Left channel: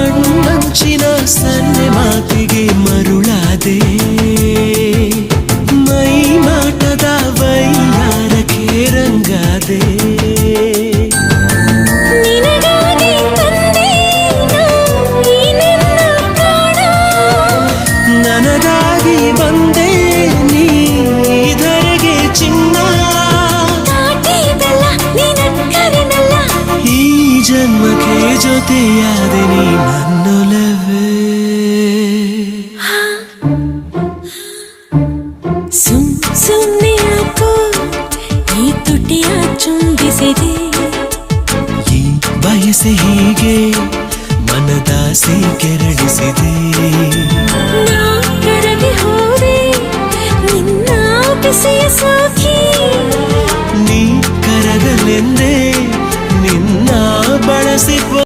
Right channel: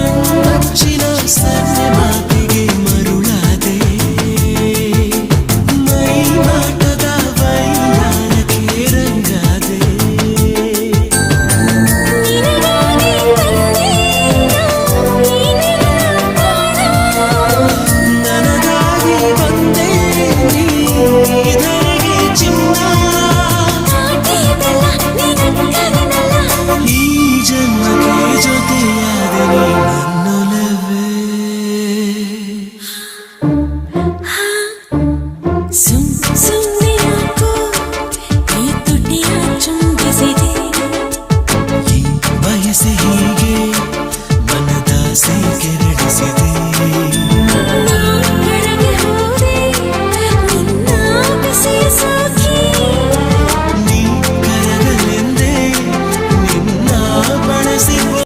ಕಣ್ಣಂಚಿನ ಸನ್ನೆ ಮಾತಿಗೆ ಮರುಳಾದೆ ಮೈ ಮಾಟದ ವೈಯಾರಕ್ಕೆ ರಂಗಾದೆ ನನಗಾಗಿ ಬಂದೆ ನೀ ಧರೆಗೆ ಚಿನ್ನ ಈ ಜನ್ಮಕ್ಕೆ ಜೊತೆಯಾದೆ ನೀ ನನ್ನೊಲವೇ ಸುಮ್ಮನೆ ಯಾಕೋ ಈ ತುಟಿಯ ಚುಂಬಿಸಿದೆ ಈ ಬಯಸೆ ಹೀಗೆ ಮನದಾಸೆ ಕೆರಳಿಸಿದೆ ನಾ ಕರಗಿ ಹೋದೆ ನಿನ್ನ ಬಿಸಿಯ ಸೋಕಿ ನೀ ಕರಗಲೆಂದೇ ನಿನ್ನ ಬಳಸಿ